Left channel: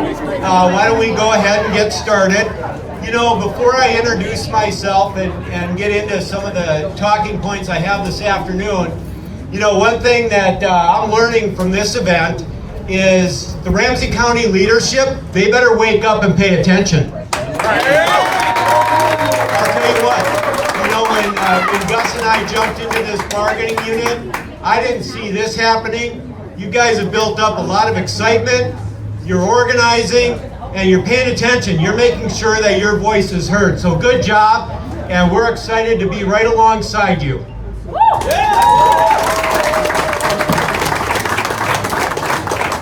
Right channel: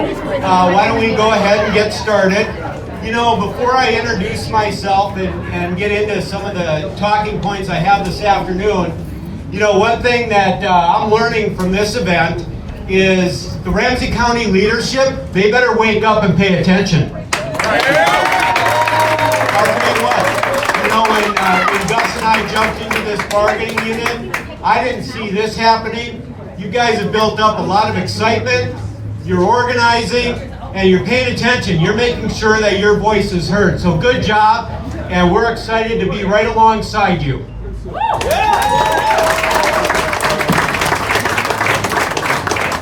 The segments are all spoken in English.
Why don't we go ahead and get started? You know, before I introduce myself and get into some of the talking points I have this afternoon, you know, one thing that I'm learning from this event is the Ramsey County leadership, they better wake up and pay attention. I'll tell you what, you know, when Gus and I jumped into this bargaining unit, I didn't see this happening. You guys have built up a lot of excitement, you're organizing, and you're paying attention. You're making sure that your voice is heard. So good job, and we're excited to be right alongside you.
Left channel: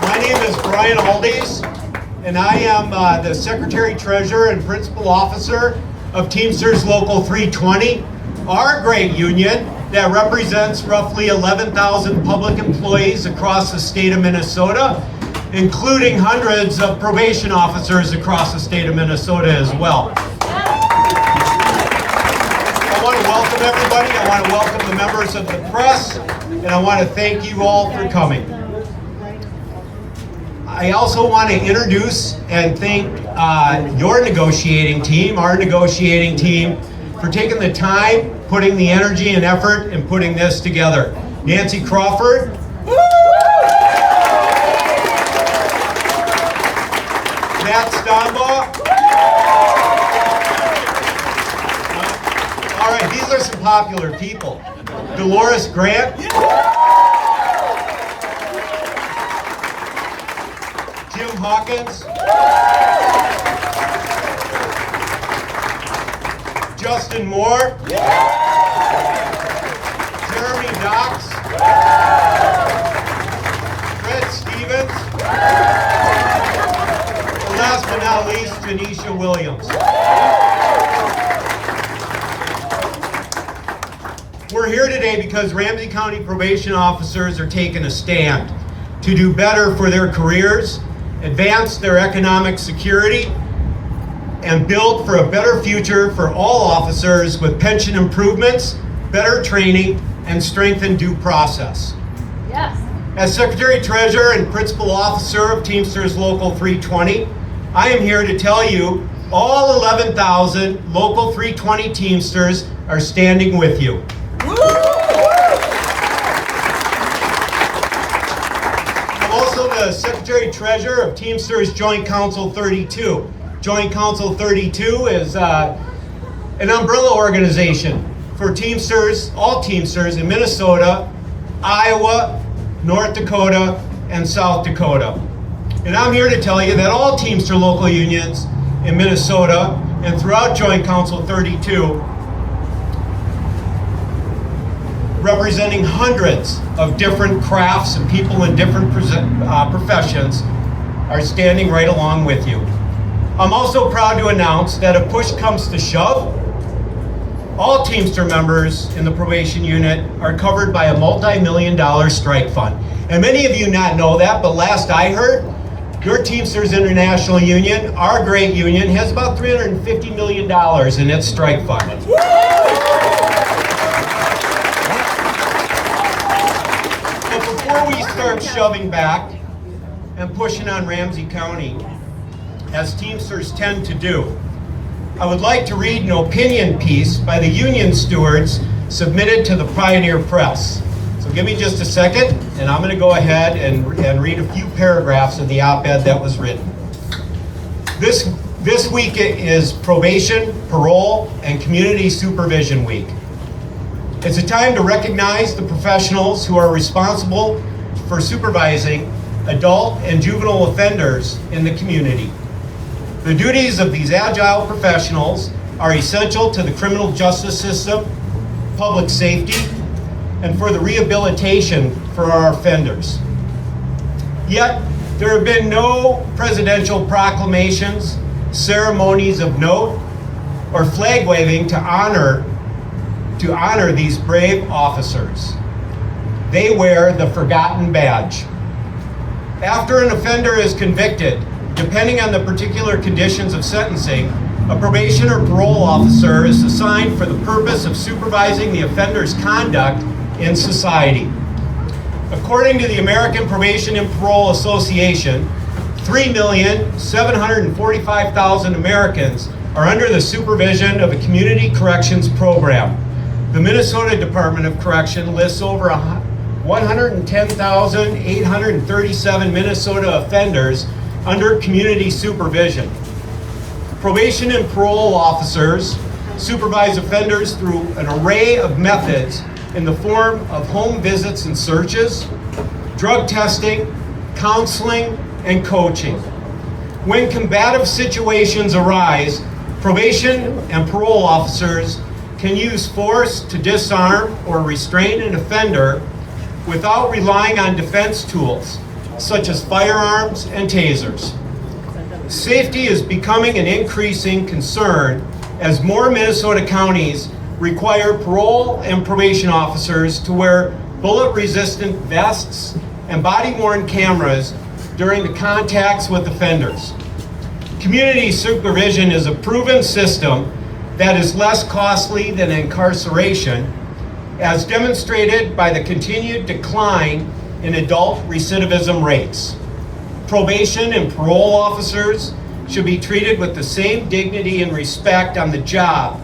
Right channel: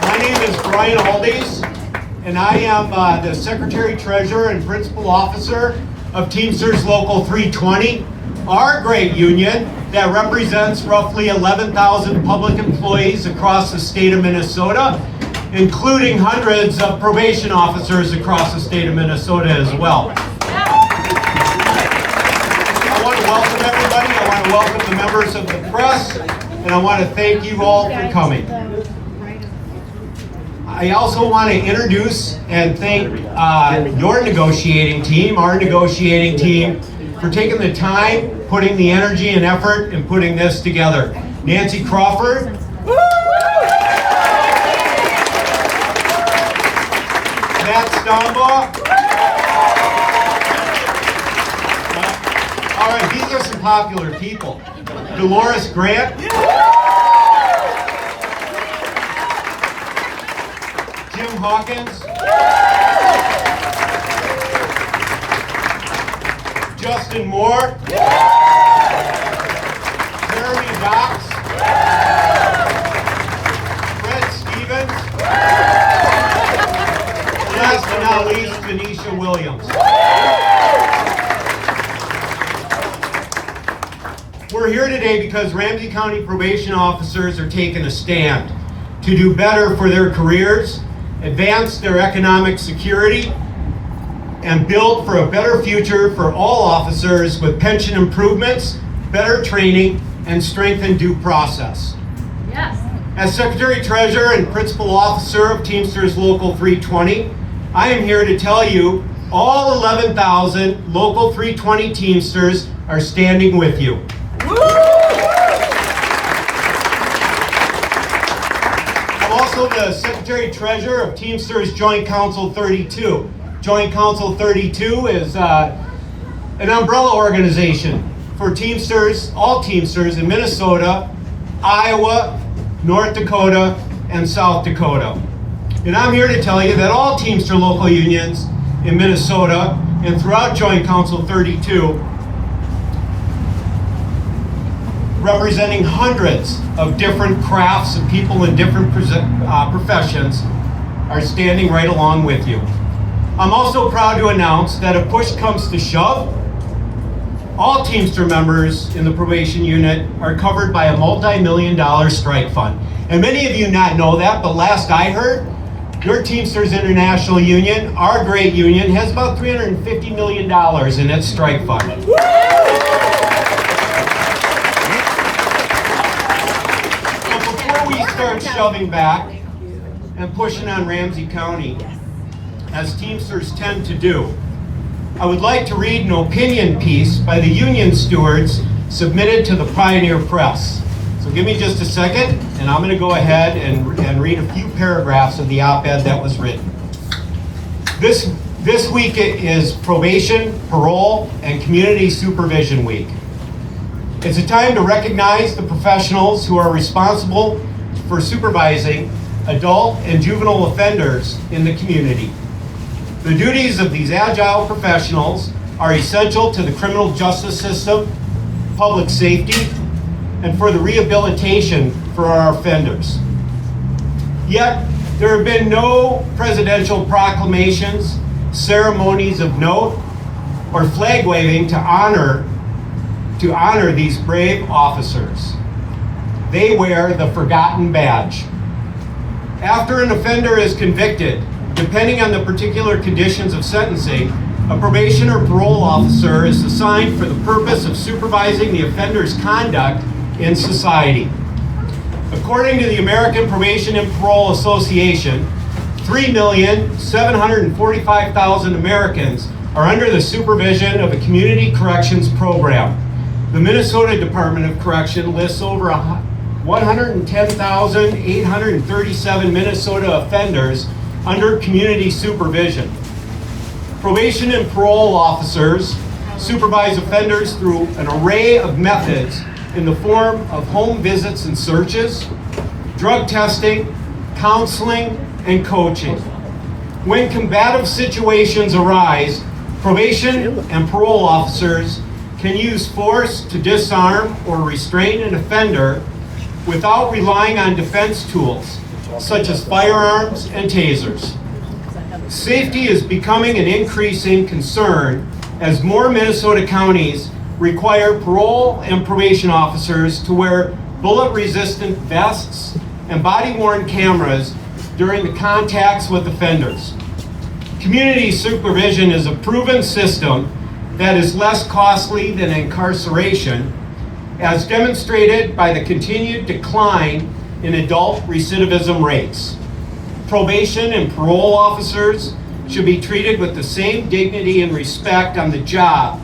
My name is Brian Aldies, and I am the Secretary Treasurer and Principal Officer of Teamsters Local 320, our great union that represents roughly 11,000 public employees across the state of Minnesota, including hundreds of probation officers across the state of Minnesota as well. I want to welcome everybody. I want to welcome the members of the press, and I want to thank you all for coming. I also want to introduce and thank your negotiating team, our negotiating team, for taking the time, putting the energy and effort, and putting this together. Nancy Crawford. Matt Stonbaugh. All right, these are some popular people. Dolores Grant. Jim Hawkins. Justin Moore. Jeremy Knox. Fred Stevens. Last but not least, Tanisha Williams. We're here today because Ramsey County Probation Officers are taking a stand to do better for their careers, advance their economic security, and build for a better future for all officers with pension improvements, better training, and strengthened due process. Yes. As Secretary Treasurer and Principal Officer of Teamsters Local 320, I am here to tell you all 11,000 Local 320 Teamsters are standing with you. I'm also the Secretary Treasurer of Teamsters Joint Council 32. Joint Council 32 is an umbrella organization for Teamsters, all Teamsters in Minnesota, Iowa, North Dakota, and South Dakota. And I'm here to tell you that all Teamster local unions in Minnesota and throughout Joint Council 32, representing hundreds of different crafts and people in different professions, are standing right along with you. I'm also proud to announce that if push comes to shove, all Teamster members in the probation unit are covered by a multi-million-dollar strike fund. And many of you not know that, but last I heard, your Teamsters International Union, our great union, has about $350 million in its strike fund. But before we start shoving back and pushing on Ramsey County, as Teamsters tend to do, I would like to read an opinion piece by the union stewards submitted to the Pioneer Press. So give me just a second, and I'm going to go ahead and read a few paragraphs of the op-ed that was written. This week is Probation, Parole, and Community Supervision Week. It's a time to recognize the professionals who are responsible for supervising adult and juvenile offenders in the community. The duties of these agile professionals are essential to the criminal justice system, public safety, and for the rehabilitation for our offenders. Yet, there have been no presidential proclamations, ceremonies of note, or flag waving to honor these brave officers. They wear the forgotten badge. After an offender is convicted, depending on the particular conditions of sentencing, a probation or parole officer is assigned for the purpose of supervising the offender's conduct in society. According to the American Probation and Parole Association, 3,745,000 Americans are under the supervision of a community corrections program. The Minnesota Department of Correction lists over 110,837 Minnesota offenders under community supervision. Probation and parole officers supervise offenders through an array of methods in the form of home visits and searches, drug testing, counseling, and coaching. When combative situations arise, probation and parole officers can use force to disarm or restrain an offender without relying on defense tools, such as firearms and tasers. Safety is becoming an increasing concern as more Minnesota counties require parole and probation officers to wear bullet-resistant vests and body-worn cameras during the contacts with offenders. Community supervision is a proven system that is less costly than incarceration, as demonstrated by the continued decline in adult recidivism rates. Probation and parole officers should be treated with the same dignity and respect on the job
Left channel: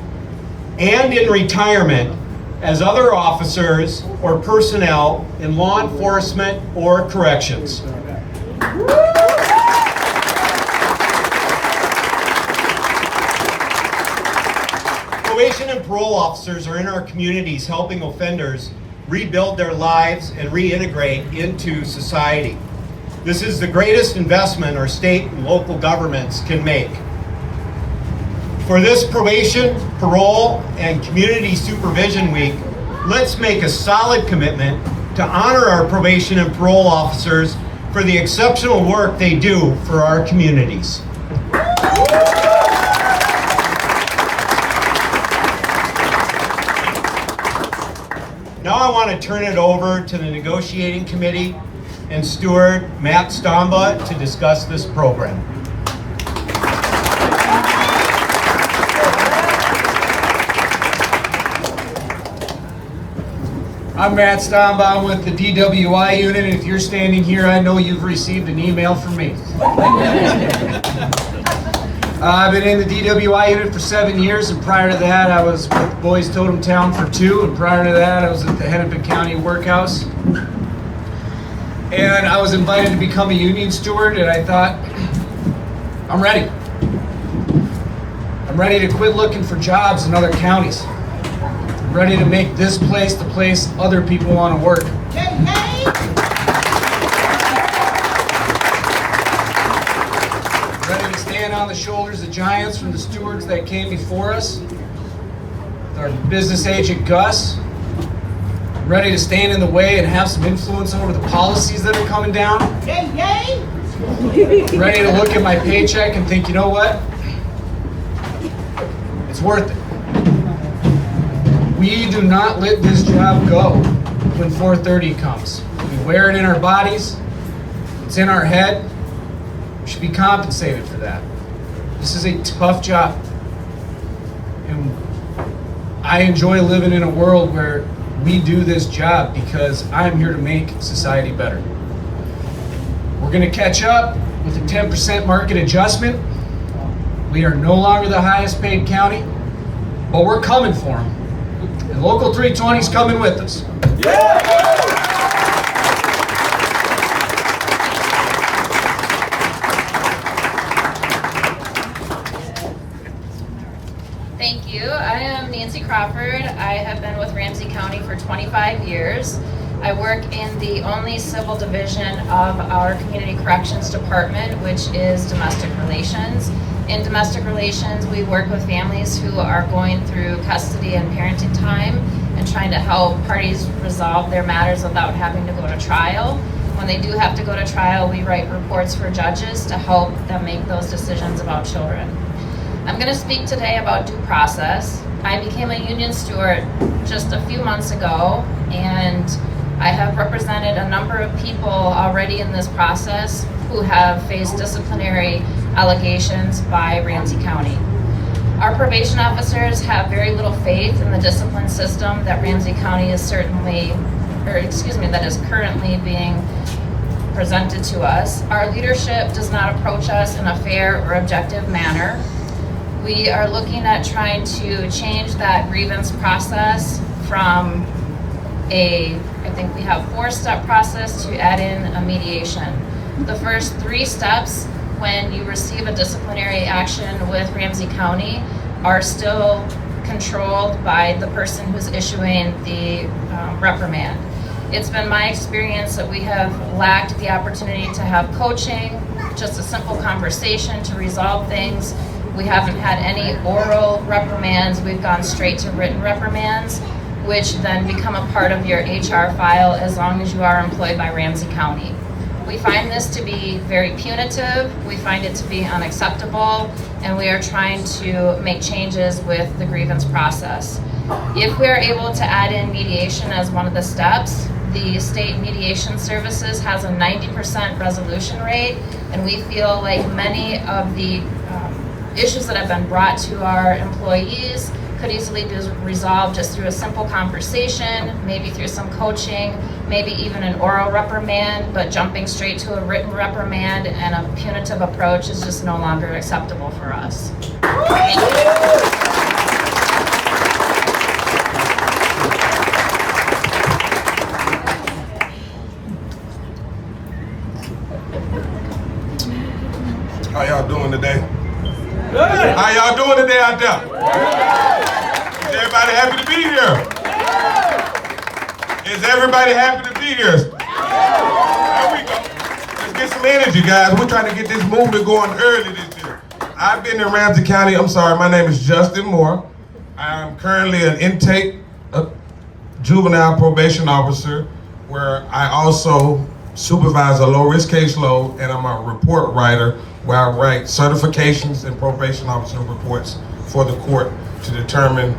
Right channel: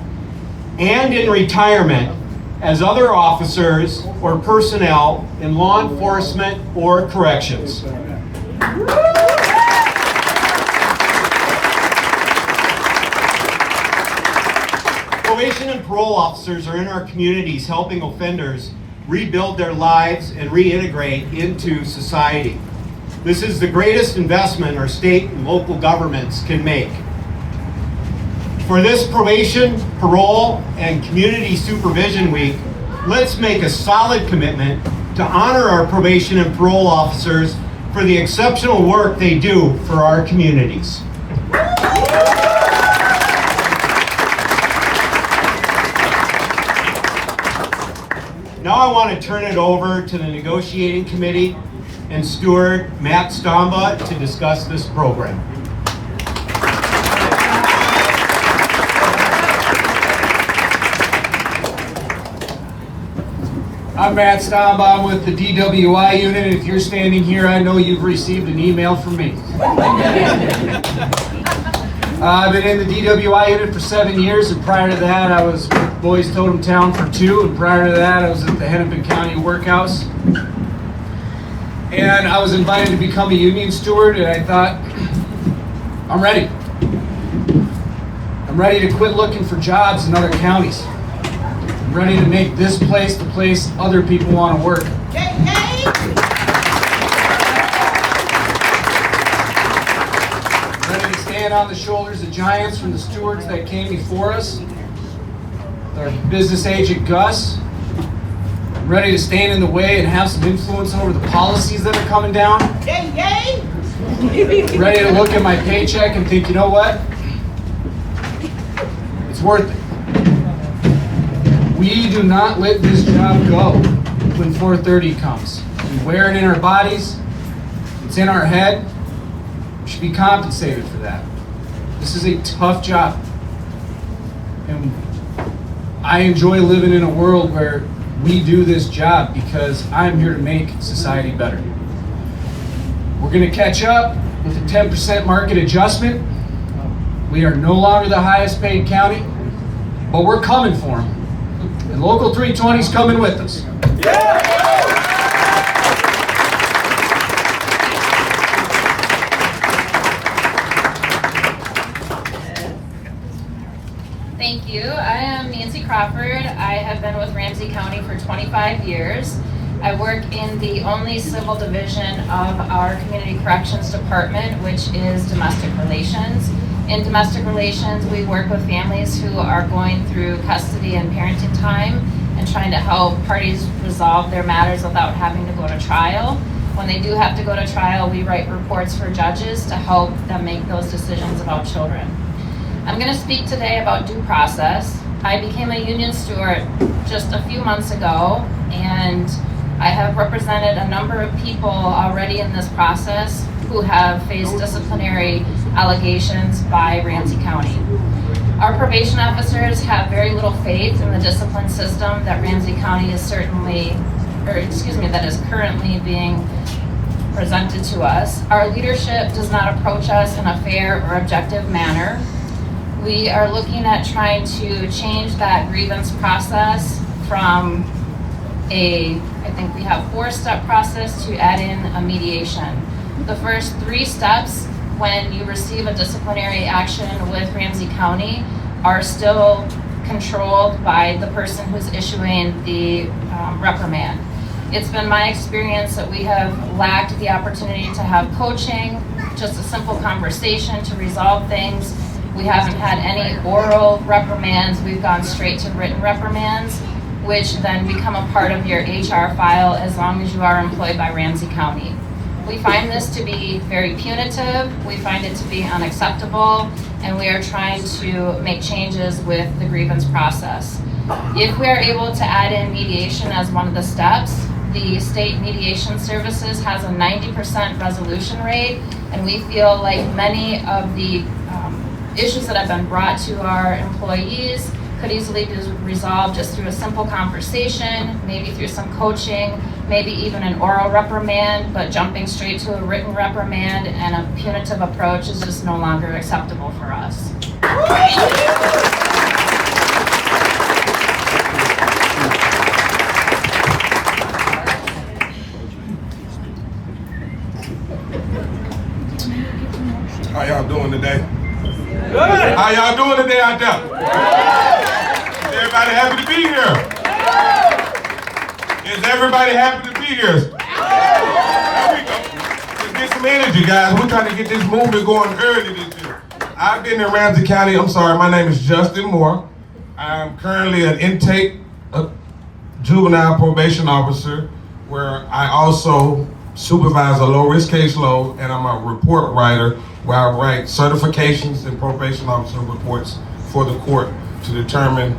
and in retirement as other officers or personnel in law enforcement or corrections. Probation and parole officers are in our communities helping offenders rebuild their lives and reintegrate into society. This is the greatest investment our state and local governments can make. For this Probation, Parole, and Community Supervision Week, let's make a solid commitment to honor our probation and parole officers for the exceptional work they do for our communities. Now I want to turn it over to the negotiating committee and steward Matt Stomba to discuss this program. I'm Matt Stomba. I'm with the DWI unit. If you're standing here, I know you've received an email from me. I've been in the DWI unit for 7 years, and prior to that, I was with Boys Totem Town for 2, and prior to that, I was at the Hennepin County Workhouse. And I was invited to become a union steward, and I thought, I'm ready. I'm ready to quit looking for jobs in other counties. I'm ready to make this place the place other people want to work. Ready to stand on the shoulders of giants from the stewards that came before us. Our business agent, Gus. Ready to stand in the way and have some influence over the policies that are coming down. Ready to look at my paycheck and think, you know what? It's worth it. We do not let this job go when 4:30 comes. We wear it in our bodies. It's in our head. We should be compensated for that. This is a tough job. And I enjoy living in a world where we do this job because I'm here to make society better. We're going to catch up with a 10% market adjustment. We are no longer the highest paid county, but we're coming for them. And Local 320 is coming with us. Yeah! Thank you. I am Nancy Crawford. I have been with Ramsey County for 25 years. I work in the only civil division of our Community Corrections Department, which is domestic relations. In domestic relations, we work with families who are going through custody and parenting time and trying to help parties resolve their matters without having to go to trial. When they do have to go to trial, we write reports for judges to help them make those decisions about children. I'm going to speak today about due process. I became a union steward just a few months ago, and I have represented a number of people already in this process who have faced disciplinary allegations by Ramsey County. Our probation officers have very little faith in the discipline system that Ramsey County is currently being presented to us. Our leadership does not approach us in a fair or objective manner. We are looking at trying to change that grievance process from I think we have 4-step process to add in a mediation. The first 3 steps when you receive a disciplinary action with Ramsey County are still controlled by the person who's issuing the reprimand. It's been my experience that we have lacked the opportunity to have coaching, just a simple conversation to resolve things. We haven't had any oral reprimands. We've gone straight to written reprimands, which then become a part of your HR file as long as you are employed by Ramsey County. We find this to be very punitive. We find it to be unacceptable, and we are trying to make changes with the grievance process. If we are able to add in mediation as one of the steps, the state mediation services has a 90% resolution rate, and we feel like many of the issues that have been brought to our employees could easily be resolved just through a simple conversation, maybe through some coaching, maybe even an oral reprimand, but jumping straight to a written reprimand and a punitive approach is just no longer acceptable for us. How y'all doing today? Good. How y'all doing today out there? Everybody happy to be here? Is everybody happy to be here? There we go. Let's get some energy, guys. We're trying to get this movement going early this year. I've been in Ramsey County. My name is Justin Moore. I'm currently an intake juvenile probation officer, where I also supervise a low-risk caseload, and I'm a report writer where I write certifications and probation officer reports for the court to determine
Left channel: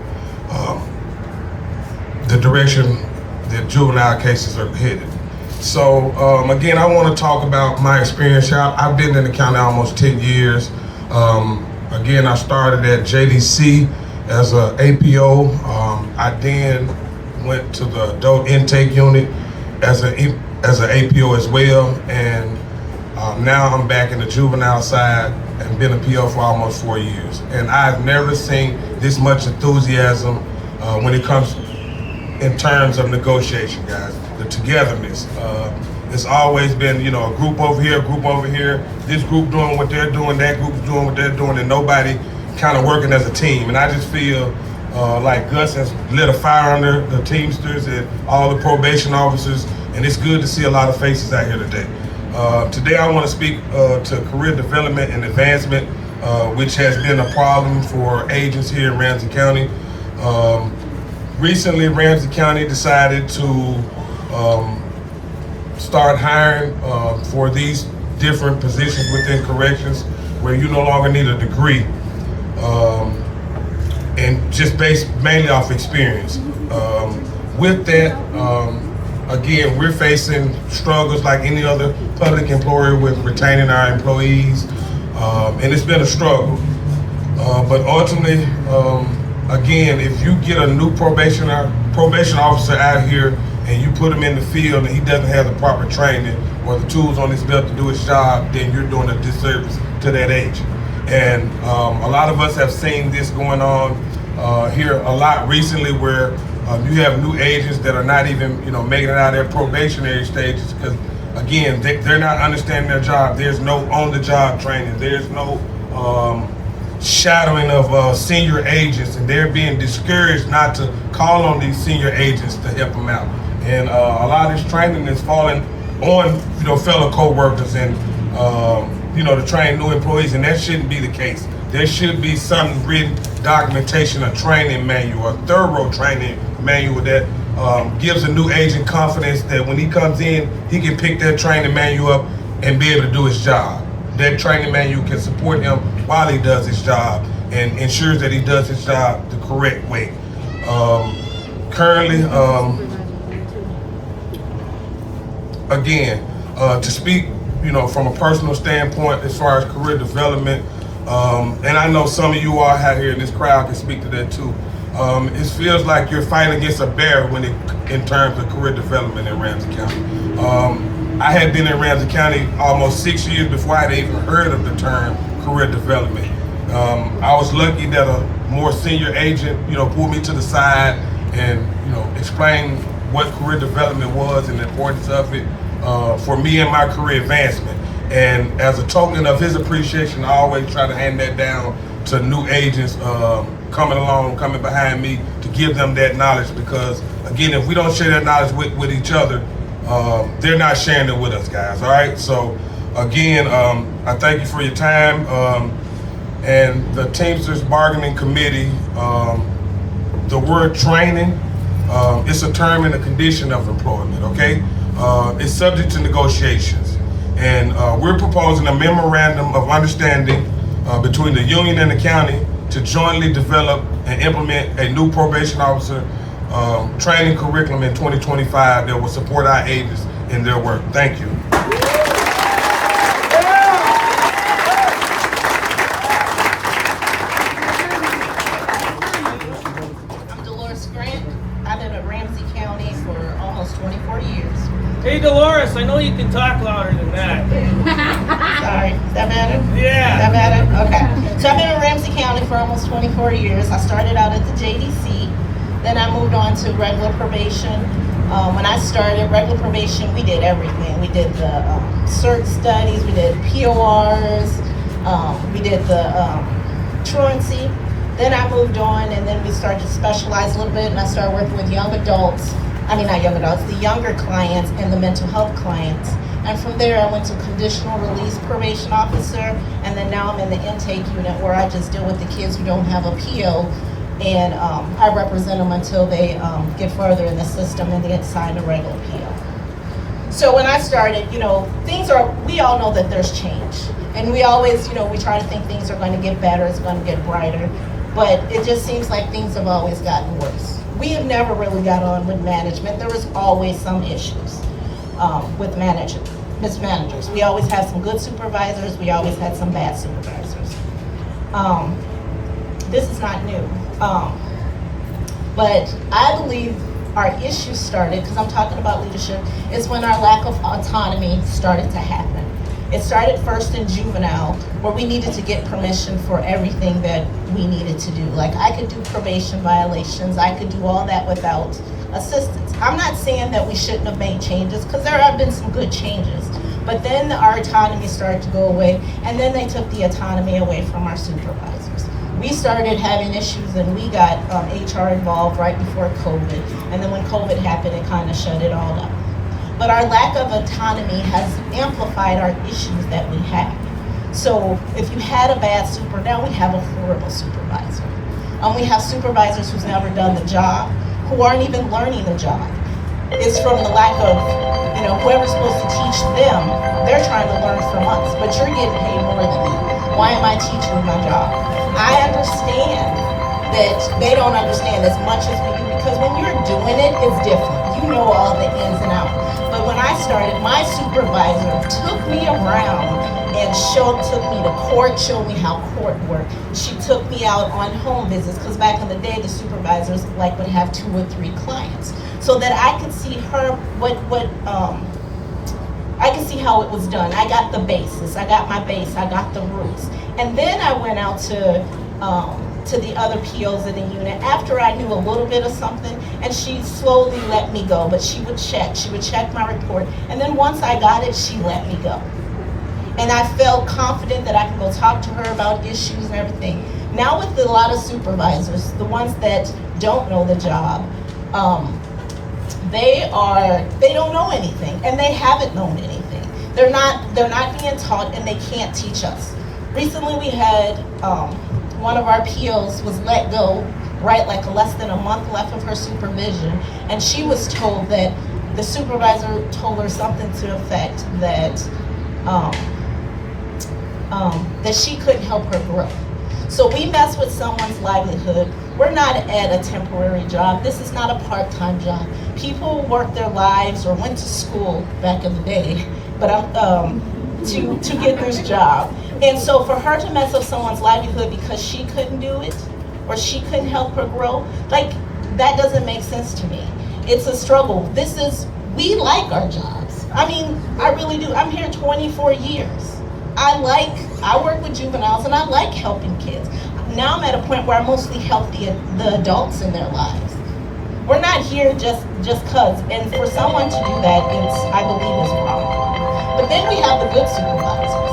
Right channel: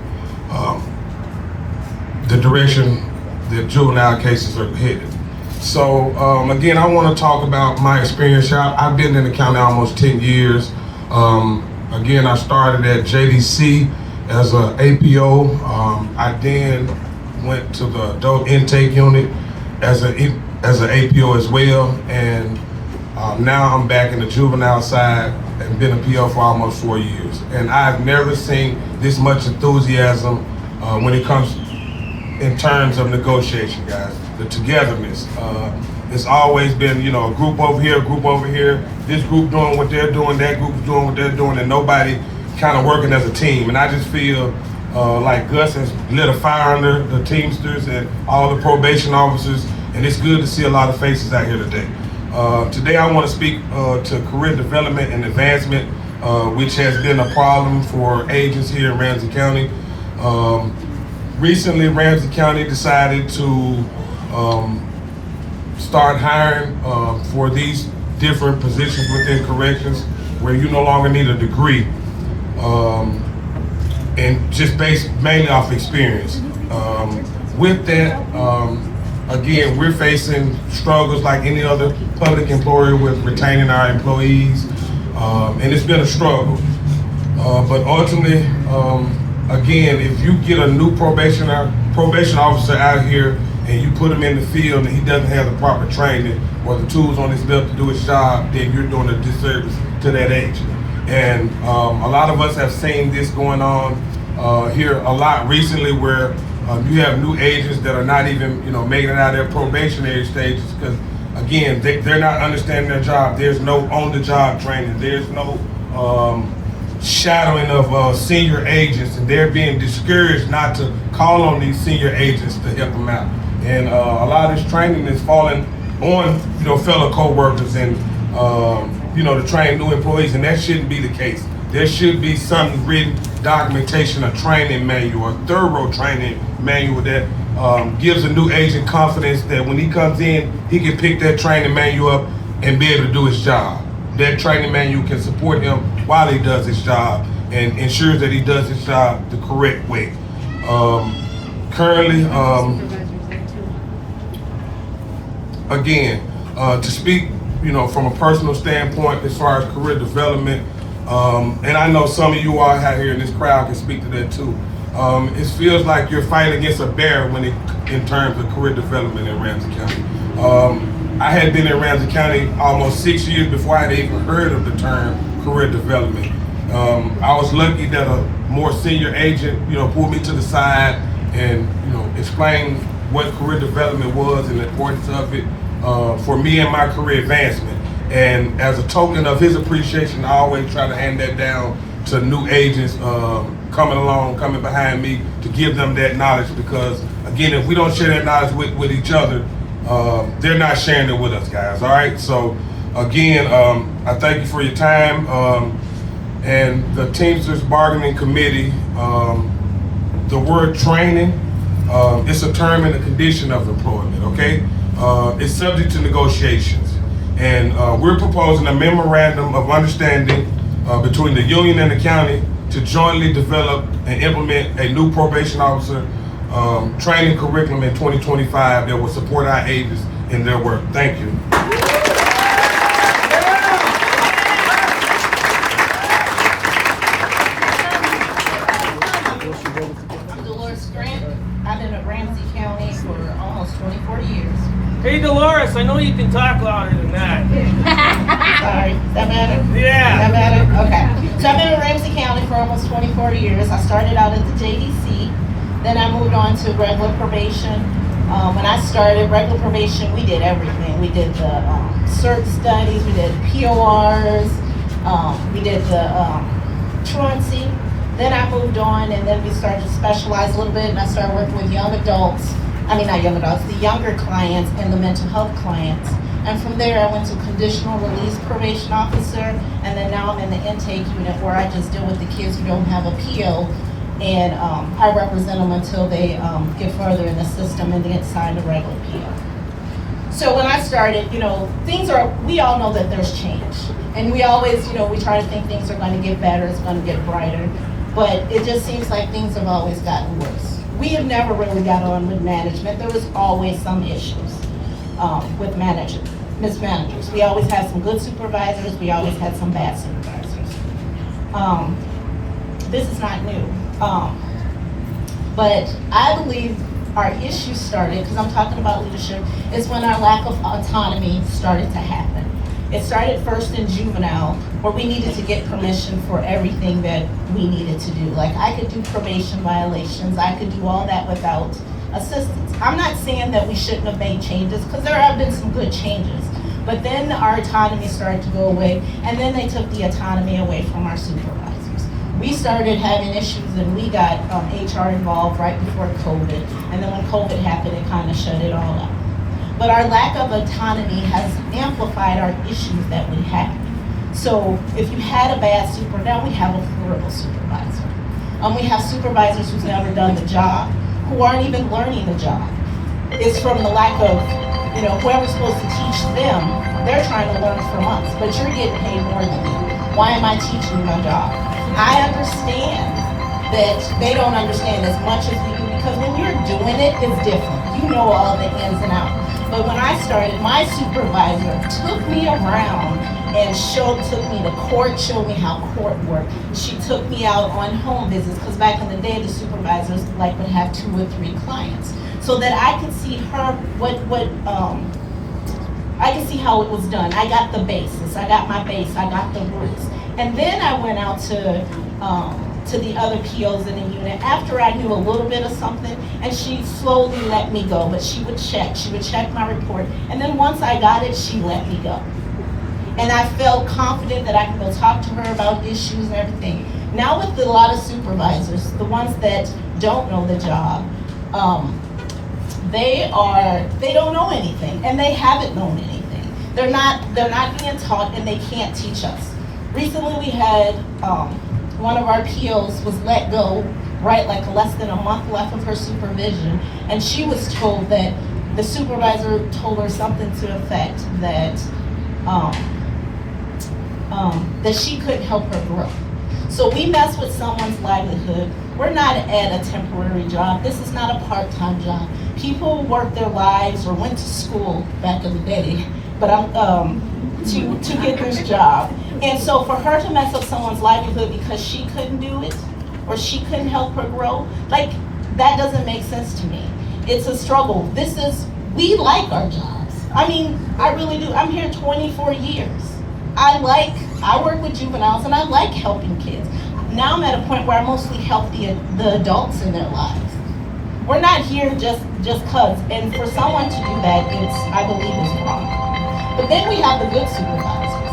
the direction that juvenile cases are headed. So again, I want to talk about my experience here. I've been in the county almost 10 years. Again, I started at JDC as an APO. I then went to the adult intake unit as an APO as well, and now I'm back in the juvenile side and been a PO for almost 4 years. And I've never seen this much enthusiasm when it comes in terms of negotiation, guys. The togetherness. It's always been, a group over here, a group over here, this group doing what they're doing, that group doing what they're doing, and nobody kind of working as a team. And I just feel like Gus has lit a fire under the Teamsters and all the probation officers, and it's good to see a lot of faces out here today. Today I want to speak to career development and advancement, which has been a problem for agents here in Ramsey County. Recently, Ramsey County decided to start hiring for these different positions within corrections where you no longer need a degree, and just based mainly off experience. With that, again, we're facing struggles like any other public employer with retaining our employees, and it's been a struggle. But ultimately, again, if you get a new probation officer out here and you put him in the field and he doesn't have the proper training or the tools on his belt to do his job, then you're doing a disservice to that agent. And a lot of us have seen this going on here a lot recently, where you have new agents that are not even, making it out of their probationary stages because, again, they're not understanding their job. There's no on-the-job training. There's no shadowing of senior agents, and they're being discouraged not to call on these senior agents to help them out. And a lot of this training is falling on, fellow co-workers and, to train new employees, and that shouldn't be the case. There should be some written documentation, a training manual, a thorough training manual that gives a new agent confidence that when he comes in, he can pick that training manual up and be able to do his job. That training manual can support him while he does his job and ensures that he does his job the correct way. Currently, again, to speak, from a personal standpoint as far as career development, and I know some of you all out here in this crowd can speak to that too. It feels like you're fighting against a bear in terms of career development in Ramsey County. I had been in Ramsey County almost 6 years before I had even heard of the term career development. I was lucky that a more senior agent, pulled me to the side and, explained what career development was and the importance of it for me and my career advancement. And as a token of his appreciation, I always try to hand that down to new agents coming behind me to give them that knowledge, because again, if we don't share that knowledge with each other, they're not sharing it with us, guys. All right. So again, I thank you for your time. And the Teamsters Bargaining Committee, the word training, it's a term and a condition of employment. Okay, it's subject to negotiations, and we're proposing a memorandum of understanding between the union and the county to jointly develop and implement a new probation officer training curriculum in 2025 that will support our agents in their work. Thank you. I've been in Ramsey County for almost 24 years. Hey Dolores, I know you can talk louder than that. Sorry, is that better? Yeah. Is that better? Okay. So I've been in Ramsey County for almost 24 years. I started out at the JDC, then I moved on to regular probation. When I started regular probation, we did everything. We did the cert studies, we did PORs, we did the truancy. Then I moved on, and then we started to specialize a little bit, and I started working with young adults. I mean, not young adults, the younger clients and the mental health clients. And from there, I went to conditional release probation officer, and then now I'm in the intake unit where I just deal with the kids who don't have appeal, and I represent them until they get further in the system and they sign a regular appeal. So when I started, we all know that there's change. And we always, we try to think things are going to get better, it's going to get brighter. But it just seems like things have always gotten worse. We have never really got on with management. There was always some issues with mismanagers. We always had some good supervisors. We always had some bad supervisors. This is not new. But I believe our issues started, because I'm talking about leadership, is when our lack of autonomy started to happen. It started first in juvenile, where we needed to get permission for everything that we needed to do. Like, I could do probation violations, I could do all that without assistance. I'm not saying that we shouldn't have made changes, because there have been some good changes. But then our autonomy started to go away, and then they took the autonomy away from our supervisors. We started having issues, and we got HR involved right before COVID. And then when COVID happened, it kind of shut it all up. But our lack of autonomy has amplified our issues that we have. So if you had a bad super, now we have a horrible supervisor. We have supervisors who's never done the job, who aren't even learning the job. It's from the lack of, whoever's supposed to teach them, they're trying to learn from us, but you're getting paid more than me. Why am I teaching my job? I understand that they don't understand as much as we do, because when we're doing it, it's different. You know all the ins and outs. But when I started, my supervisor took me around and took me to court, showed me how court worked. She took me out on home visits, because back in the day, the supervisors would have 2 or 3 clients, so that I could see I could see how it was done. I got the basis, I got my base, I got the roots. And then I went out to the other POs in the unit after I knew a little bit of something, and she slowly let me go. But she would check my report, and then once I got it, she let me go. And I felt confident that I could go talk to her about issues and everything. Now with a lot of supervisors, the ones that don't know the job, they don't know anything, and they haven't known anything. They're not being taught, and they can't teach us. Recently we had one of our POs was let go, right, like less than a month left of her supervision, and she was told that the supervisor told her something to the effect that that she couldn't help her grow. So we mess with someone's livelihood. We're not at a temporary job. This is not a part-time job. People work their lives or went to school back in the day, but to get this job. And so for her to mess up someone's livelihood because she couldn't do it, or she couldn't help her grow, like, that doesn't make sense to me. It's a struggle. We like our jobs. I mean, I really do. I'm here 24 years. I work with juveniles and I like helping kids. Now I'm at a point where I mostly help the adults in their lives. We're not here just cause, and for someone to do that, I believe is wrong. But then we have the good supervisors,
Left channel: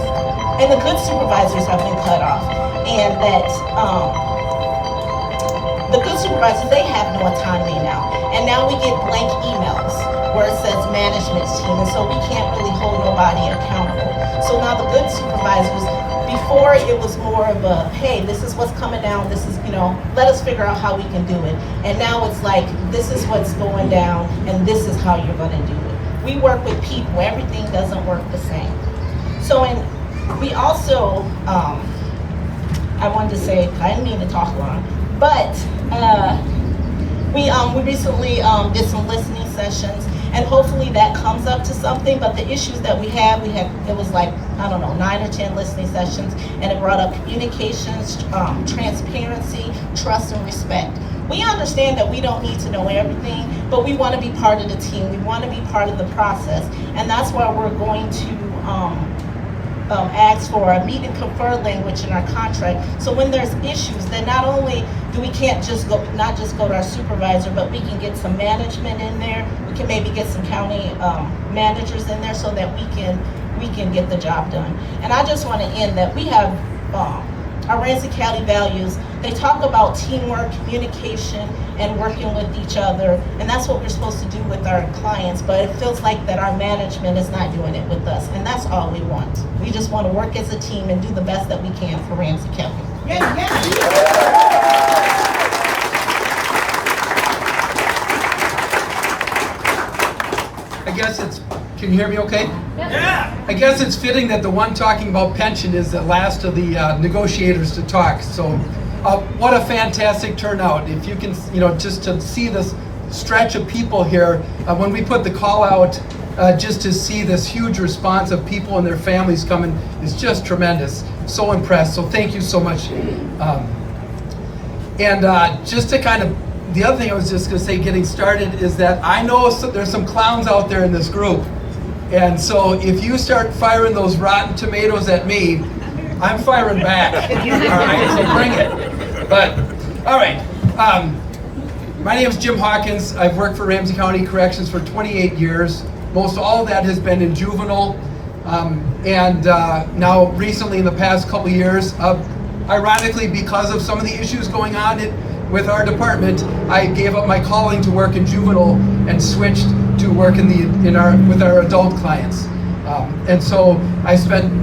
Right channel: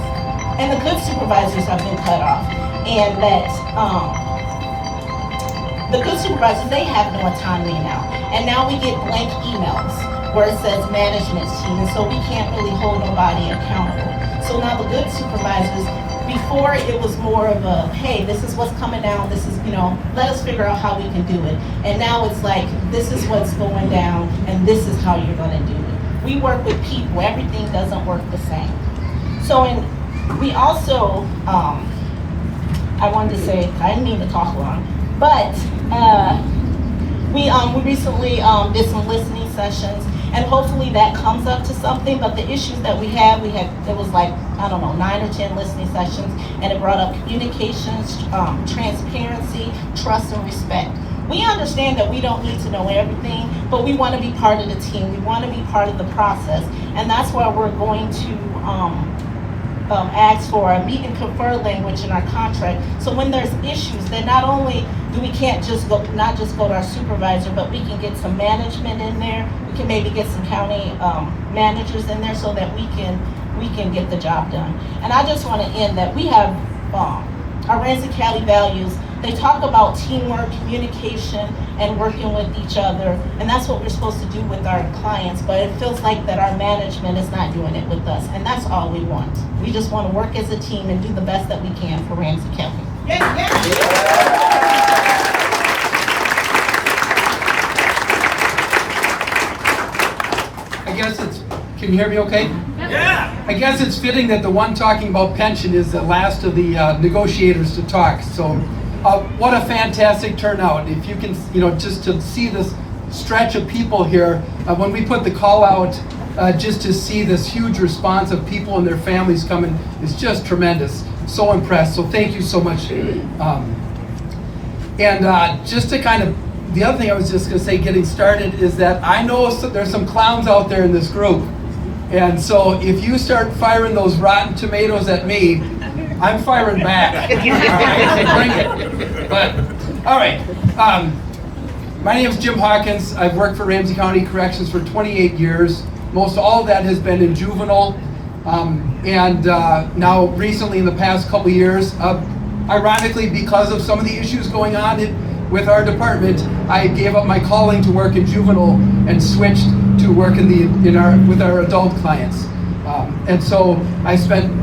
and the good supervisors have been cut off, and that the good supervisors, they have no autonomy now, and now we get blank emails where it says management team, and so we can't really hold nobody accountable. So now the good supervisors, before it was more of a, hey, this is what's coming down, this is, let us figure out how we can do it. And now it's like, this is what's going down, and this is how you're gonna do it. We work with people, everything doesn't work the same. So, we also, I wanted to say, I didn't mean to talk long, but we recently did some listening sessions, and hopefully that comes up to something. But the issues that we had, it was like, I don't know, 9 or 10 listening sessions, and it brought up communications, transparency, trust, and respect. We understand that we don't need to know everything, but we want to be part of the team. We want to be part of the process, and that's why we're going to ask for a meet and confer language in our contract. So when there's issues, then not only do we can't just go to our supervisor, but we can get some management in there. We can maybe get some county managers in there so that we can get the job done. And I just want to end that we have our Ramsey County values. They talk about teamwork, communication, and working with each other, and that's what we're supposed to do with our clients, but it feels like that our management is not doing it with us, and that's all we want. We just want to work as a team and do the best that we can for Ramsey County. I guess can you hear me okay? Yeah. I guess it's fitting that the one talking about pension is the last of the negotiators to talk. So what a fantastic turnout. If you can, just to see this stretch of people here, when we put the call out, just to see this huge response of people and their families coming is just tremendous. So impressed. So thank you so much. Just to kind of, the other thing I was just going to say getting started is that I know there's some clowns out there in this group. And so if you start firing those rotten tomatoes at me, I'm firing back. All right, so bring it. But, all right. My name is Jim Hawkins. I've worked for Ramsey County Corrections for 28 years. Most all of that has been in juvenile. Now recently in the past couple of years, ironically because of some of the issues going on with our department, I gave up my calling to work in juvenile and switched to work with our adult clients. And so I spent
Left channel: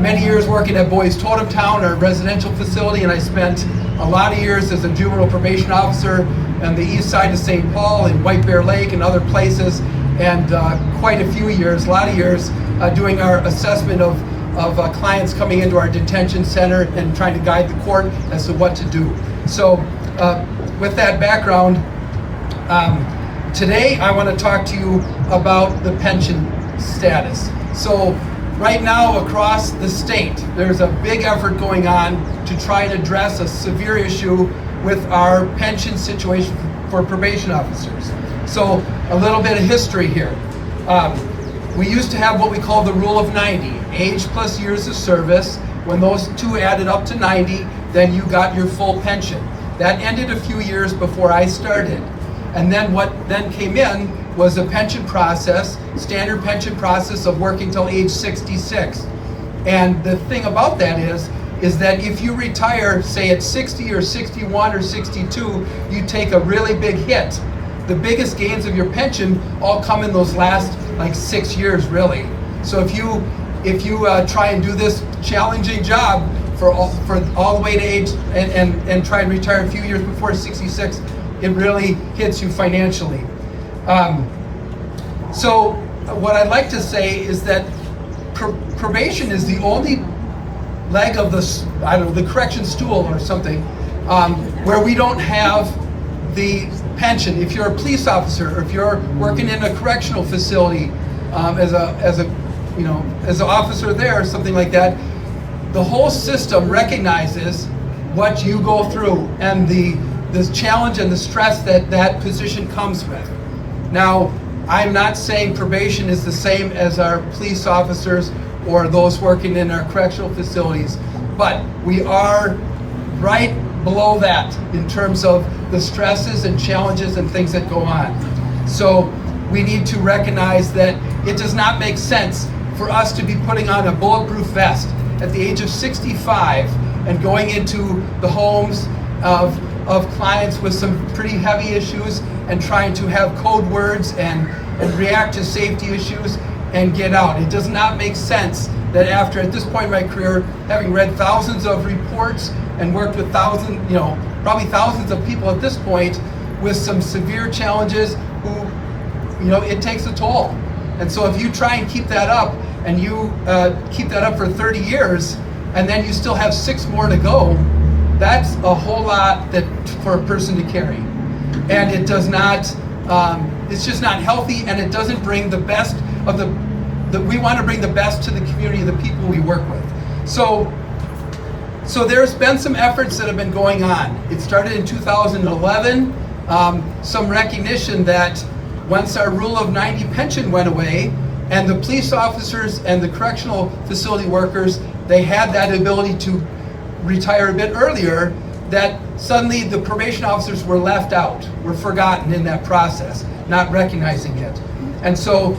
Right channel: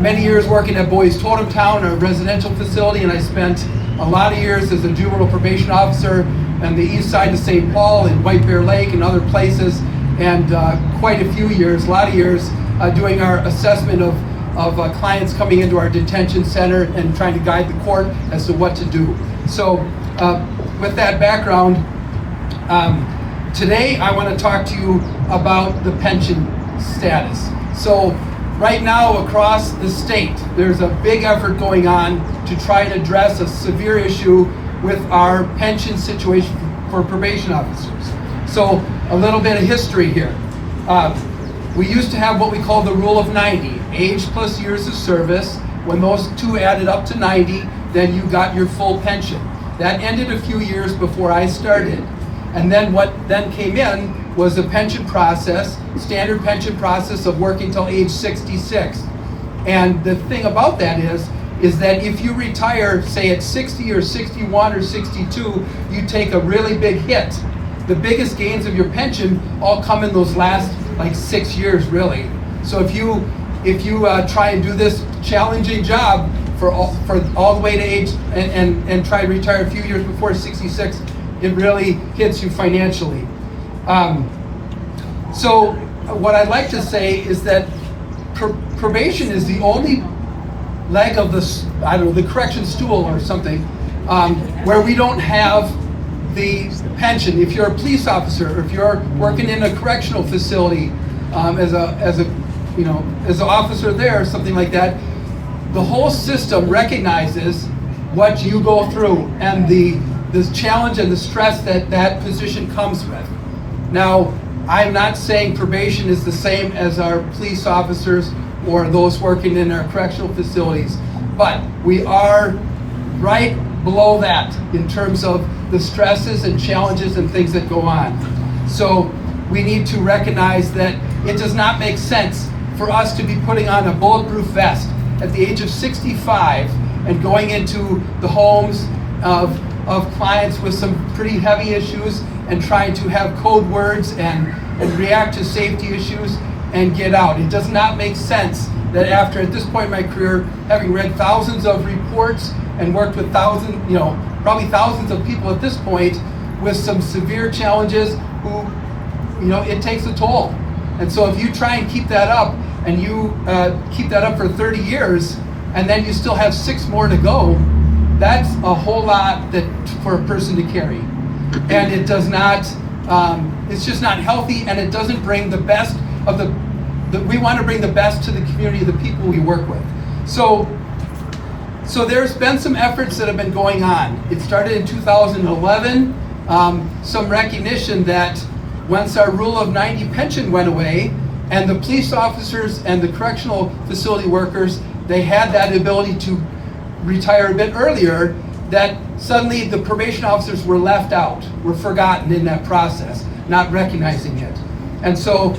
many years working at Boys Totem Town, our residential facility, and I spent a lot of years as a juvenile probation officer on the east side of St. Paul and White Bear Lake and other places, and quite a lot of years doing our assessment of clients coming into our detention center and trying to guide the court as to what to do. So with that background, today I want to talk to you about the pension status. So right now across the state, there's a big effort going on to try and address a severe issue with our pension situation for probation officers. So a little bit of history here. We used to have what we call the rule of 90, age plus years of service. When those two added up to 90, then you got your full pension. That ended a few years before I started. And then what then came in was a pension process, standard pension process of working till age 66. And the thing about that is that if you retire, say at 60 or 61 or 62, you take a really big hit. The biggest gains of your pension all come in those last 6 years, really. So if you try and do this challenging job for all the way to age and try to retire a few years before 66, it really hits you financially. So what I'd like to say is that probation is the only leg of the correction stool or something, where we don't have the pension. If you're a police officer, or if you're working in a correctional facility as an officer there or something like that, the whole system recognizes what you go through and the challenge and the stress that position comes with. Now, I'm not saying probation is the same as our police officers or those working in our correctional facilities, but we are right below that in terms of the stresses and challenges and things that go on. So we need to recognize that it does not make sense for us to be putting on a bulletproof vest at the age of 65 and going into the homes of clients with some pretty heavy issues and trying to have code words and react to safety issues and get out. It does not make sense that after, at this point in my career, having read thousands of reports and worked with probably thousands of people at this point with some severe challenges who, it takes a toll. And so if you try and keep that up and you keep that up for 30 years and then you still have 6 more to go, that's a whole lot for a person to carry. And it does not, it's just not healthy, and it doesn't bring the best of we want to bring the best to the community, the people we work with. So there's been some efforts that have been going on. It started in 2011, some recognition that once our Rule of 90 pension went away, and the police officers and the correctional facility workers, they had that ability to retire a bit earlier, that suddenly the probation officers were left out, were forgotten in that process, not recognizing it. And so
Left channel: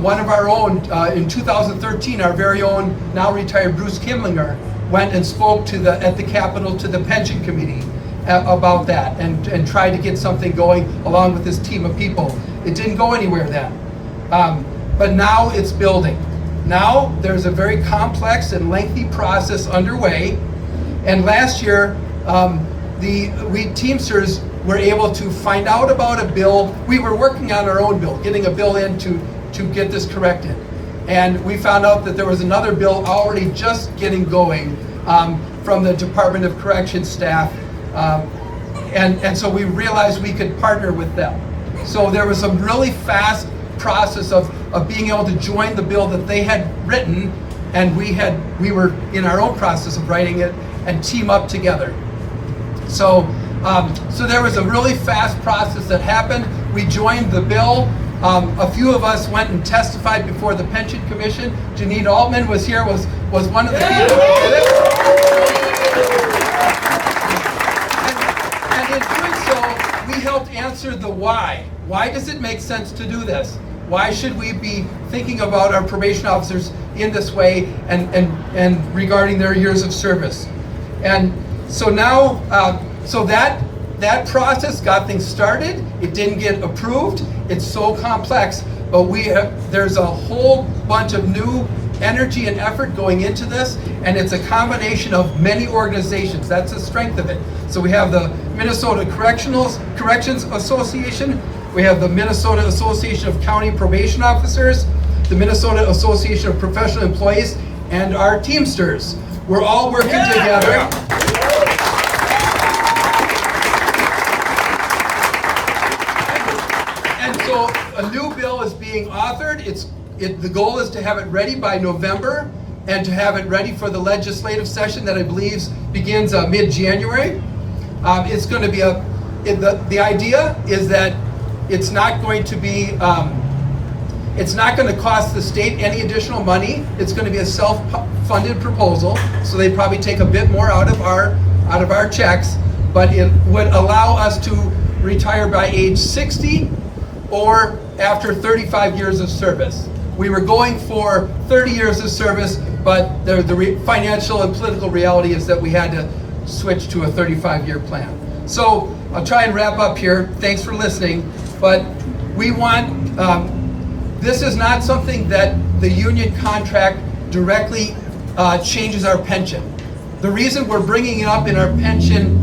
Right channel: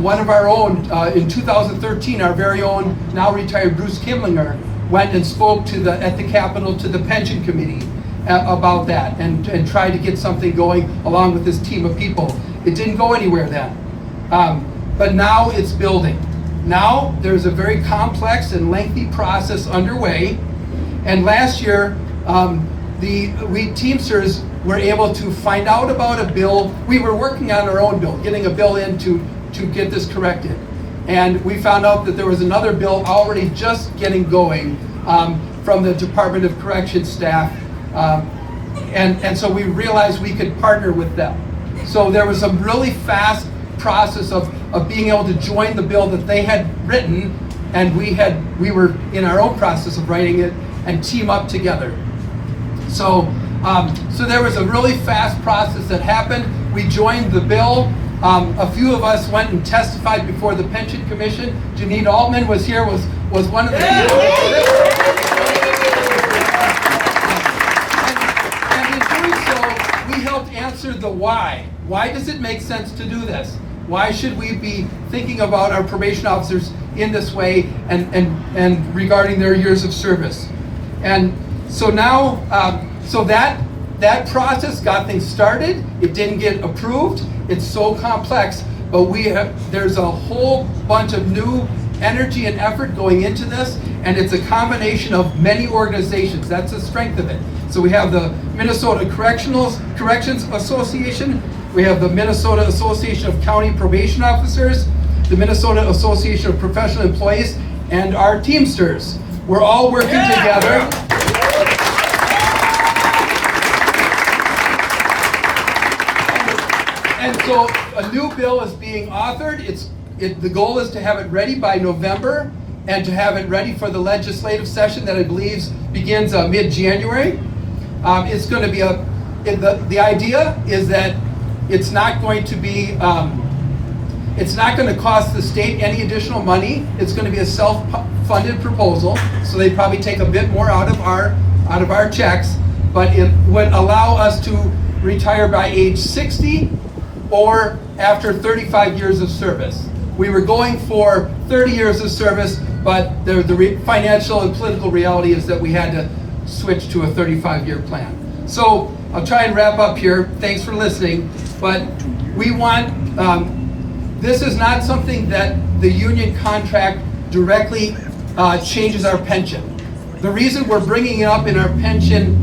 one of our own, in 2013, our very own now retired Bruce Kimlinger went and spoke at the Capitol to the pension committee about that and tried to get something going along with his team of people. It didn't go anywhere then. But now it's building. Now there's a very complex and lengthy process underway. And last year, we Teamsters were able to find out about a bill. We were working on our own bill, getting a bill in to get this corrected. And we found out that there was another bill already just getting going from the Department of Corrections staff. And so we realized we could partner with them. So there was a really fast process of being able to join the bill that they had written, and we were in our own process of writing it and team up together. So there was a really fast process that happened. We joined the bill. A few of us went and testified before the Pension Commission. Janine Altman was here, was one of the people who did it. And in doing so, we helped answer the why. Why does it make sense to do this? Why should we be thinking about our probation officers in this way and regarding their years of service? And so now, so that process got things started. It didn't get approved. It's so complex, but there's a whole bunch of new energy and effort going into this, and it's a combination of many organizations. That's the strength of it. So we have the Minnesota Corrections Association, we have the Minnesota Association of County Probation Officers, the Minnesota Association of Professional Employees, and our Teamsters. We're all working together. And so a new bill is being authored. The goal is to have it ready by November and to have it ready for the legislative session that I believe begins mid-January. It's going to be the idea is that it's not going to be, it's not going to cost the state any additional money. It's going to be a self-funded proposal, so they probably take a bit more out of our checks, but it would allow us to retire by age 60 or after 35 years of service. We were going for 30 years of service, but the financial and political reality is that we had to switch to a 35-year plan. So I'll try and wrap up here. Thanks for listening. But we want, this is not something that the union contract directly changes our pension. The reason we're bringing it up in our pension,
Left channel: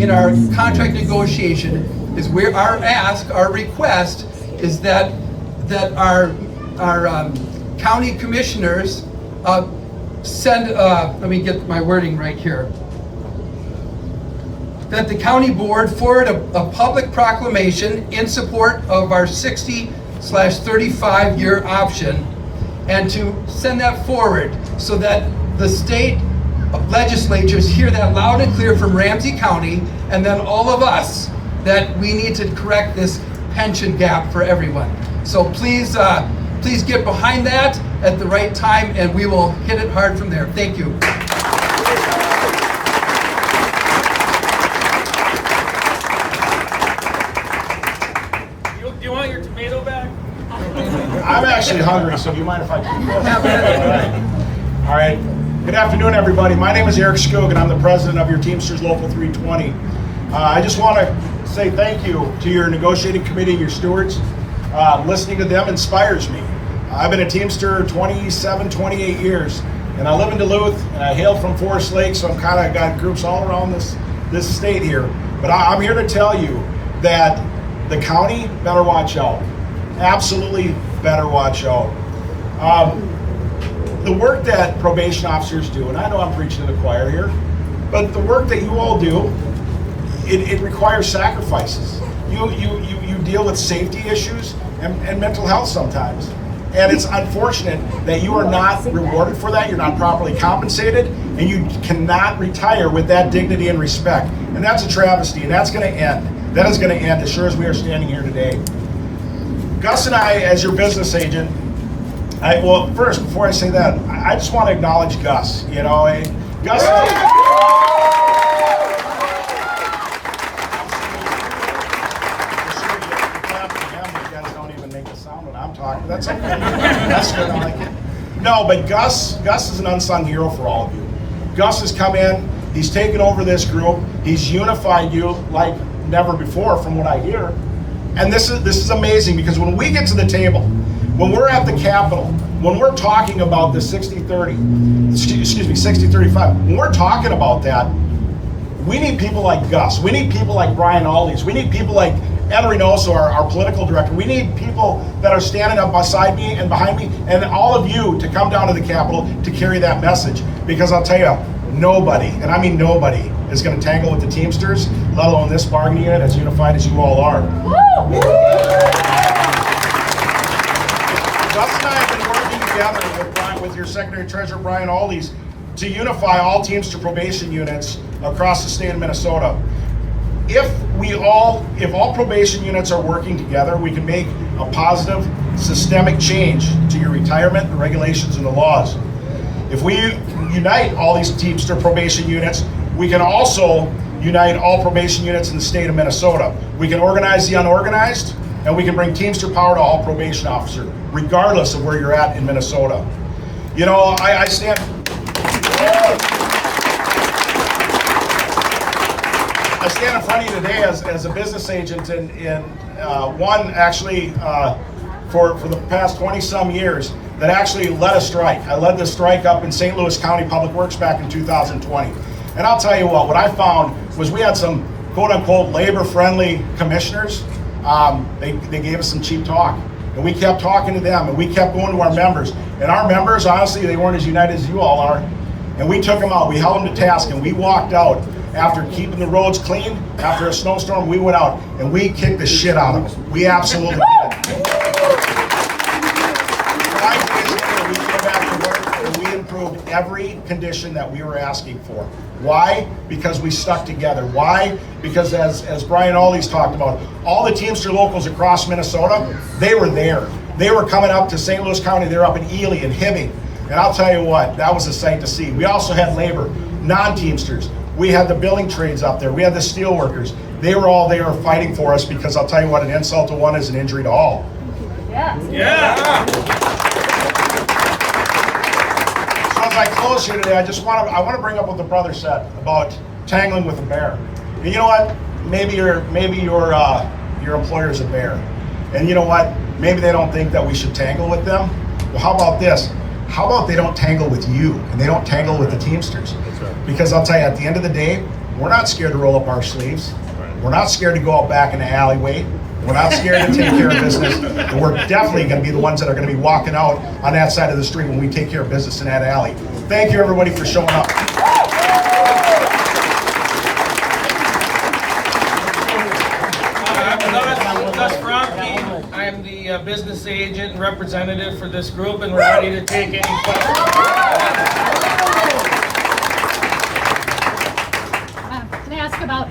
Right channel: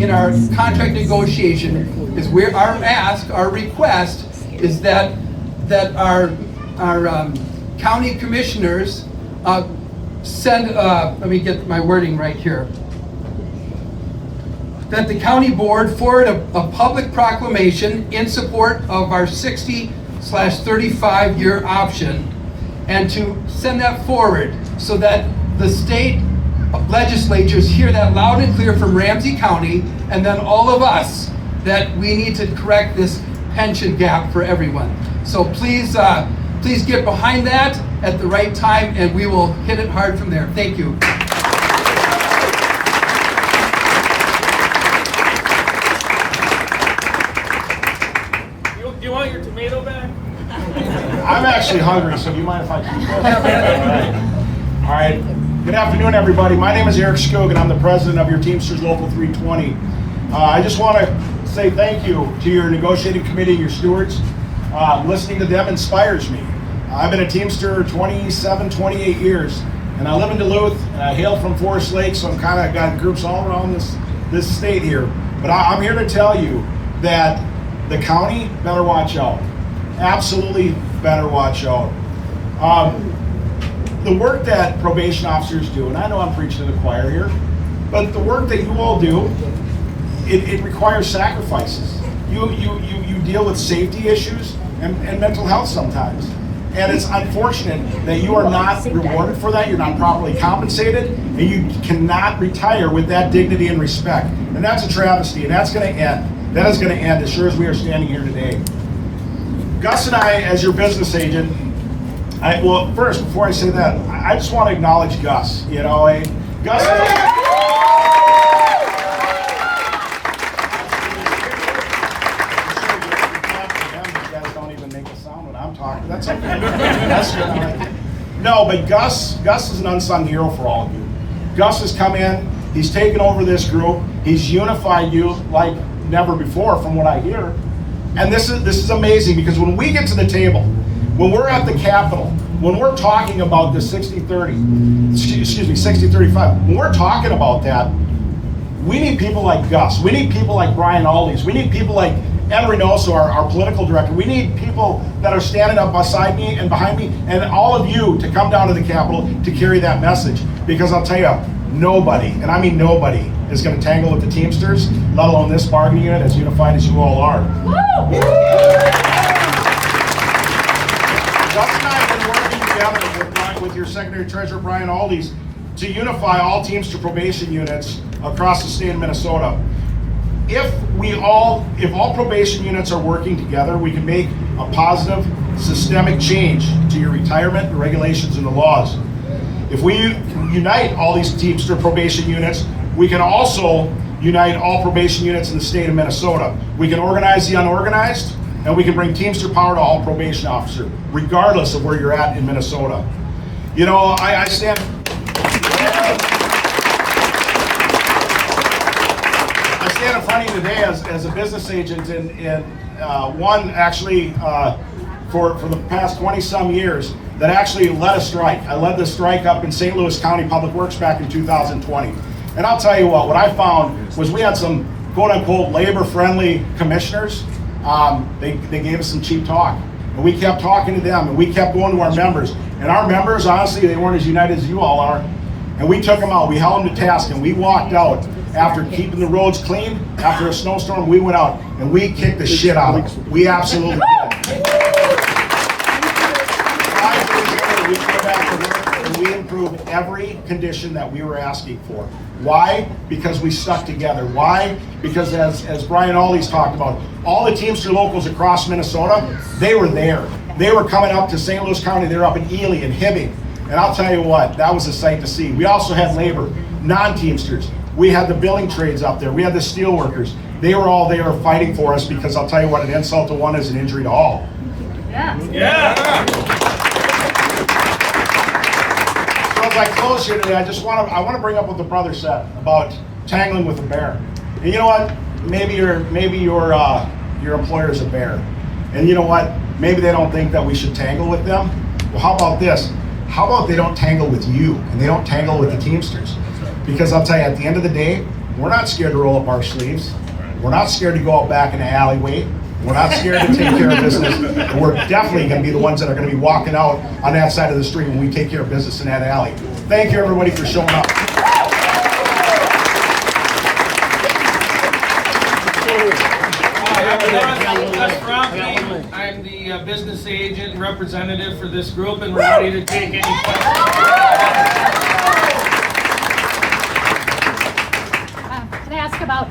in our contract negotiation, is our request is that our county commissioners send, let me get my wording right here, that the county board forward a public proclamation in support of our 60/35 year option, and to send that forward so that the state legislatures hear that loud and clear from Ramsey County, and then all of us, that we need to correct this pension gap for everyone. So please get behind that at the right time, and we will hit it hard from there. Thank you. You want your tomato back? I'm actually hungry, so do you mind if I keep that? All right. Good afternoon, everybody. My name is Eric Skog, and I'm the president of your Teamsters Local 320. I just want to say thank you to your negotiating committee, your stewards. Listening to them inspires me. I've been a Teamster 27, 28 years, and I live in Duluth, and I hail from Forest Lake, so I'm kind of got groups all around this state here. But I'm here to tell you that the county better watch out. Absolutely better watch out. The work that probation officers do, and I know I'm preaching to the choir here, but the work that you all do, it requires sacrifices. You deal with safety issues and mental health sometimes. And it's unfortunate that you are not rewarded for that, you're not properly compensated, and you cannot retire with that dignity and respect. And that's a travesty, and that's gonna end. That is gonna end as sure as we are standing here today. Gus and I, as your business agent, well, first, before I say that, I just want to acknowledge Gus. You know, Gus. You guys don't even make a sound when I'm talking. That's okay. That's good. I like it. No, but Gus is an unsung hero for all of you. Gus has come in. He's taken over this group. He's unified you like never before, from what I hear. And this is amazing, because when we get to the table, when we're at the Capitol, when we're talking about the 60-30, excuse me, 60-35, when we're talking about that, we need people like Gus. We need people like Brian Aldi's. We need people like Ed Reynoso, our political director. We need people that are standing up beside me and behind me, and all of you to come down to the Capitol to carry that message. Because I'll tell you, nobody, and I mean nobody, is going to tangle with the Teamsters, let alone this bargaining unit, as unified as you all are. Gus and I have been working together with your Secretary Treasurer Brian Aldi's to unify all Teamster probation units across the state of Minnesota. If all probation units are working together, we can make a positive, systemic change to your retirement, the regulations, and the laws. If we unite all these Teamster probation units, we can also unite all probation units in the state of Minnesota. We can organize the unorganized, and we can bring Teamster power to all probation officers, regardless of where you're at in Minnesota. You know, I stand in front of you today as a business agent, and one actually for the past 20-some years that actually led a strike. I led the strike up in St. Louis County Public Works back in 2020. And I'll tell you what I found was we had some quote-unquote labor-friendly commissioners. They gave us some cheap talk. And we kept talking to them, and we kept going to our members. And our members, honestly, they weren't as united as you all are. And we took them out. We held them to task, and we walked out after keeping the roads clean. After a snowstorm, we went out, and we kicked the shit out of them. We absolutely did. 5 days later, we came back to work, and we improved every condition that we were asking for. Why? Because we stuck together. Why? Because as Brian Aldi's talked about, all the Teamster locals across Minnesota, they were there. They were coming up to St. Louis County. They were up in Ely and Hibbing. And I'll tell you what, that was a sight to see. We also had labor, non-Teamsters. We had the building trades up there. We had the steel workers. They were all there fighting for us, because I'll tell you what, an insult to one is an injury to all. Yeah. So as I close here today, I want to bring up what the brother said about tangling with a bear. And you know what? Maybe your employer is a bear, and you know what? Maybe they don't think that we should tangle with them. Well, how about this? How about they don't tangle with you, and they don't tangle with the Teamsters? Because I'll tell you, at the end of the day, we're not scared to roll up our sleeves. We're not scared to go out back in the alleyway. We're not scared to take care of business. And we're definitely going to be the ones that are going to be walking out on that side of the street when we take care of business in that alley. Thank you, everybody, for showing up. I'm Gus Froemke. I'm the business agent and representative for this group, and we're ready to take any questions. Can I ask about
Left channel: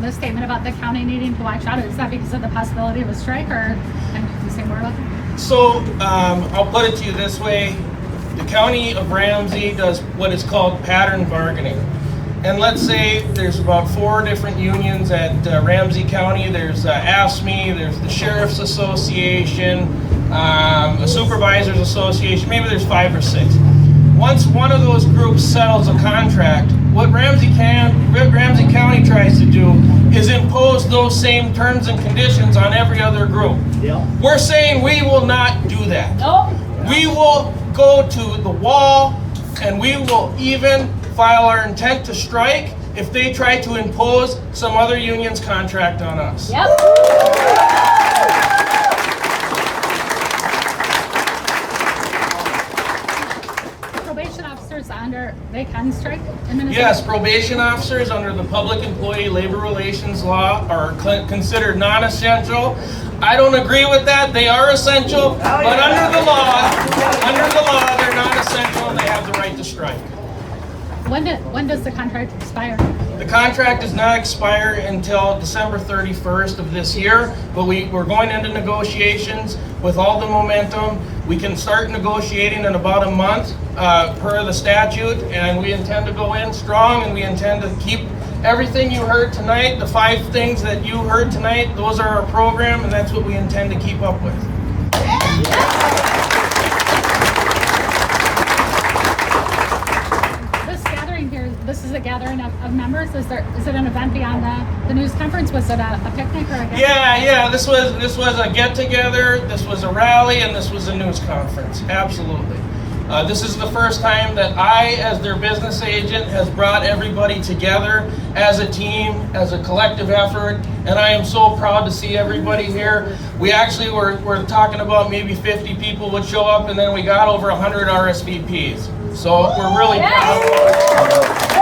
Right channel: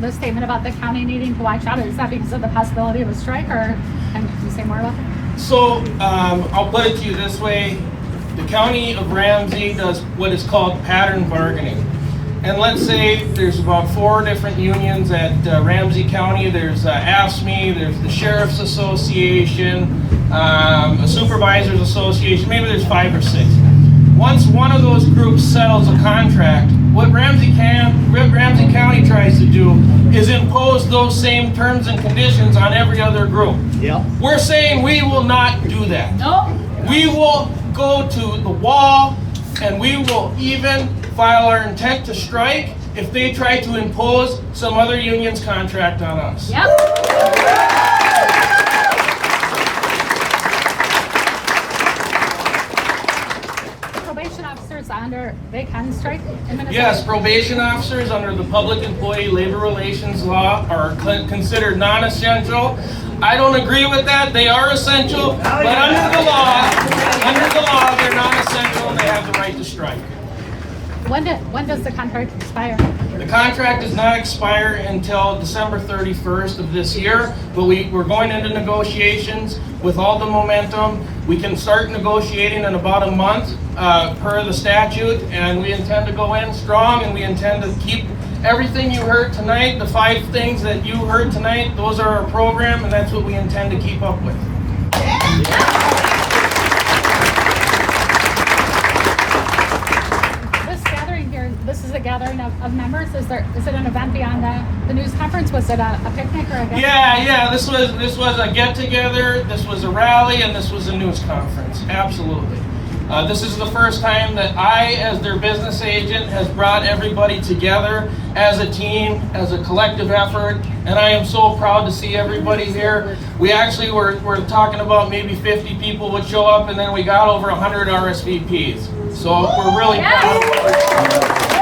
the statement about the county needing to watch out? Is that because of the possibility of a strike, or And you say Marla? So, I'll put it to you this way. The county of Ramsey does what is called pattern bargaining. And let's say there's about 4 different unions at Ramsey County. There's AFSCME, there's the Sheriff's Association, the Supervisors Association, maybe there's 5 or 6. Once one of those groups settles a contract, what Ramsey County tries to do is impose those same terms and conditions on every other group. Yep. We're saying we will not do that. No. We will go to the wall and we will even file our intent to strike if they try to impose some other union's contract on us. Yep. Probation officers under, they can strike? Yes, probation officers under the Public Employee Labor Relations Law are considered non-essential. I don't agree with that. They are essential, but under the law, they're non-essential and they have the right to strike. When does the contract expire? The contract does not expire until December 31st of this year, but we're going into negotiations with all the momentum. We can start negotiating in about a month per the statute, and we intend to go in strong, and we intend to keep everything you heard tonight, the 5 things that you heard tonight, those are our program, and that's what we intend to keep up with. This is a gathering of members. Is it an event beyond the news conference? Was it a picnic or a get-together? Yeah. This was a get-together. This was a rally, and this was a news conference. Absolutely. This is the first time that I, as their business agent, has brought everybody together as a team, as a collective effort, and I am so proud to see everybody here. We actually were talking about maybe 50 people would show up, and then we got over 100 RSVPs. So we're really proud.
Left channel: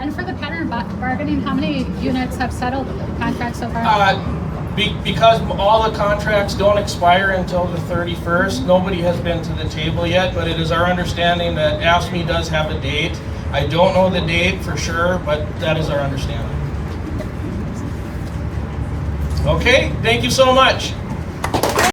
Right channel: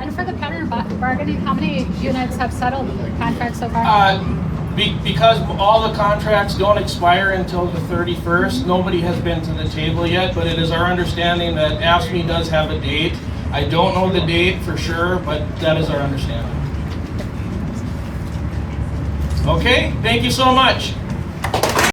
And for the pattern bargaining, how many units have settled contracts so far? Because all the contracts don't expire until the 31st, nobody has been to the table yet, but it is our understanding that AFSCME does have a date. I don't know the date for sure, but that is our understanding. Okay, thank you so much.